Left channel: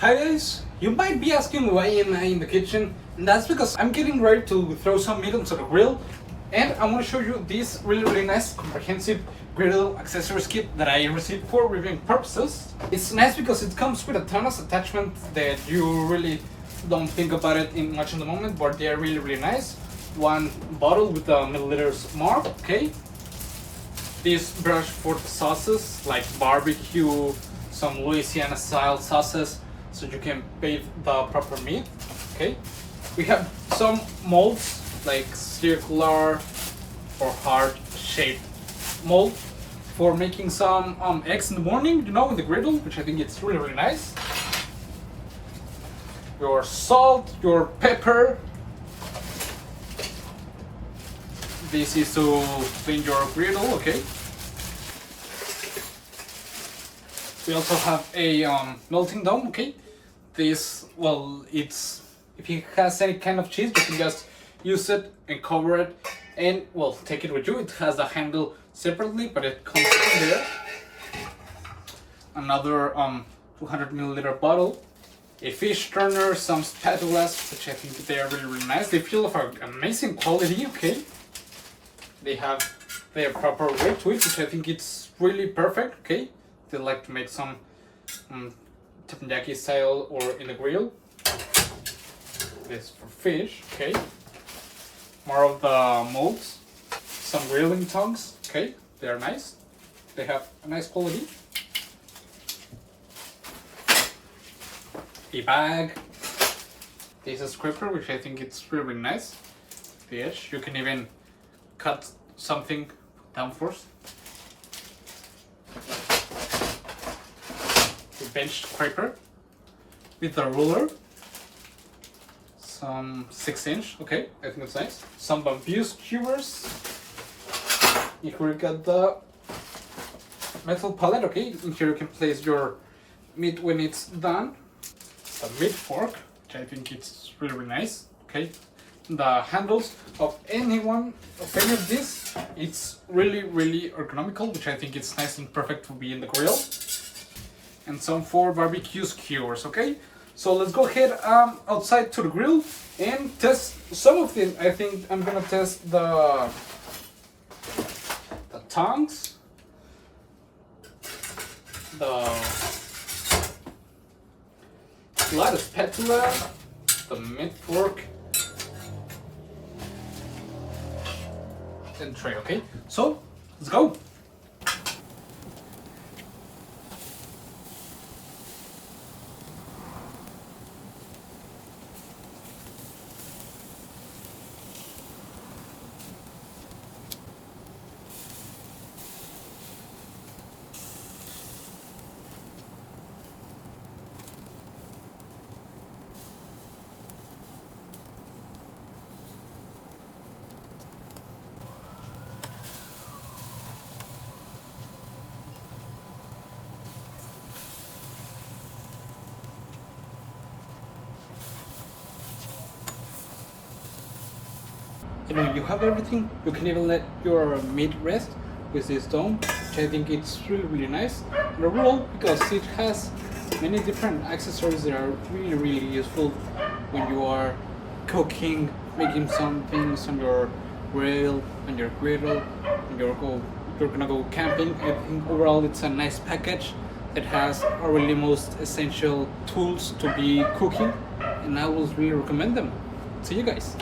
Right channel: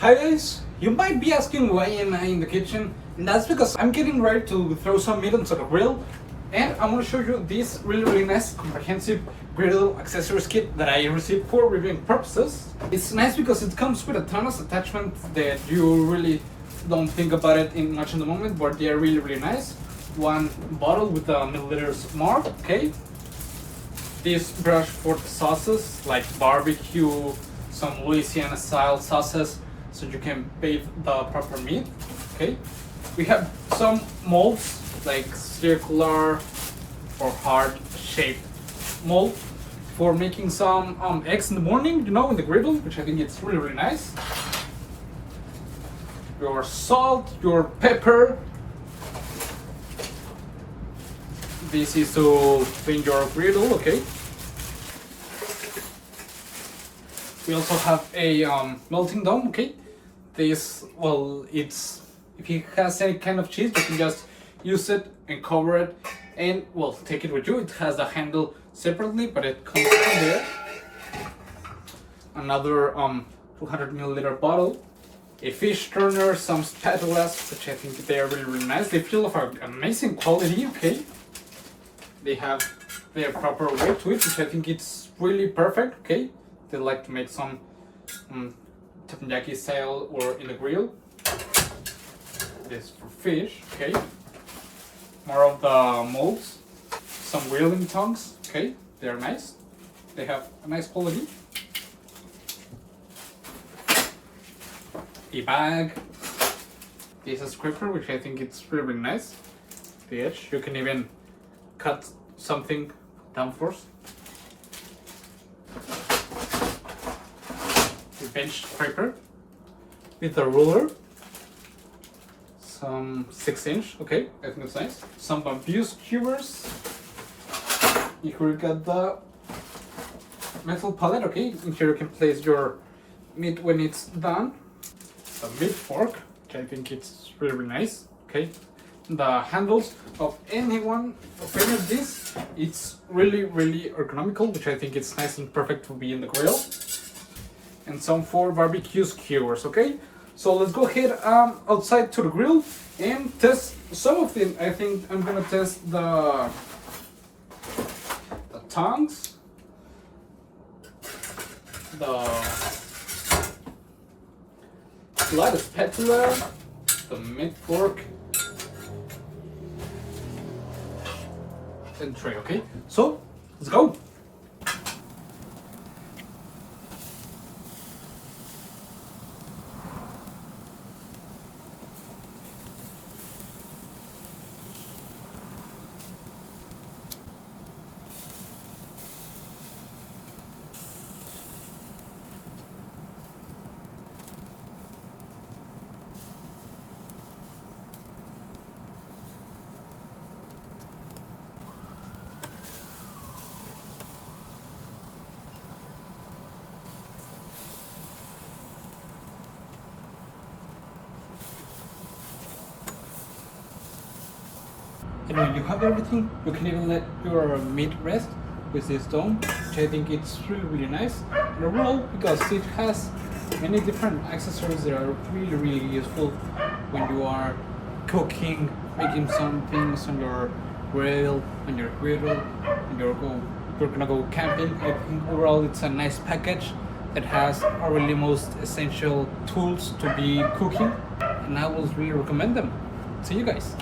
Hi guys, you might be asking why am I in the kitchen, and that's because I'm getting ready to throw some meat onto the grill, and I'm going to show you this really nice comprehensive griddle accessories kit that I received for reviewing purposes. It's nice because it comes with a ton of attachments that you really don't think about it in much in the moment, but they're really nice. One bottle with a milliliters mark, okay. This brush for the sauces like barbecue, some Louisiana style sauces, so you can bathe the proper meat. Okay, we have some molds like circular or heart-shaped mold for making some eggs in the morning, you know, in the griddle, which I think it's really nice. Your salt, your pepper. This is to clean your griddle. Okay. We also have a melting dome. Okay. This, well, it's, if it has any kind of cheese, you can just use it and cover it and, well, take it with you. It has a handle separately, but it comes in there. Another 200 milliliter bottle, a fish turner, some spatulas, which I think they are really nice. They feel of an amazing quality. Okay, they have their proper weight to it, which I think it's really perfect. Okay, they like to make some teppanyaki style or in the grill. This for fish. Okay, more of the molds, some grilling tongs. Okay, they are nice, they have a nice quality. A bag, this is scraper, which I think it's really nice. The edge, you can even cut something down first. A bench scraper with a ruler, some 6-inch, okay, I think it's nice. Some bamboo skewers. Here we got the metal pallet, okay, in here you can place your meat when it's done. A meat fork, which I think it's really nice. Okay, the handles of any of this, it's really ergonomical, which I think it's nice and perfect to be in the grill. And some 4 barbecue skewers. Okay, so let's go ahead outside to the grill and test some of them. I think I'm gonna test the tongs, the light spatula, the meat fork, and tray. Okay, so let's go. And when you have everything, you can even let your meat rest with this dome, which I think it's really nice. And overall, because it has many different accessories that are really useful when you are cooking, making some things on your grill, on your griddle, and you're gonna go camping. I think overall it's a nice package that has our really most essential tools to be cooking, and I would really recommend them. See you guys.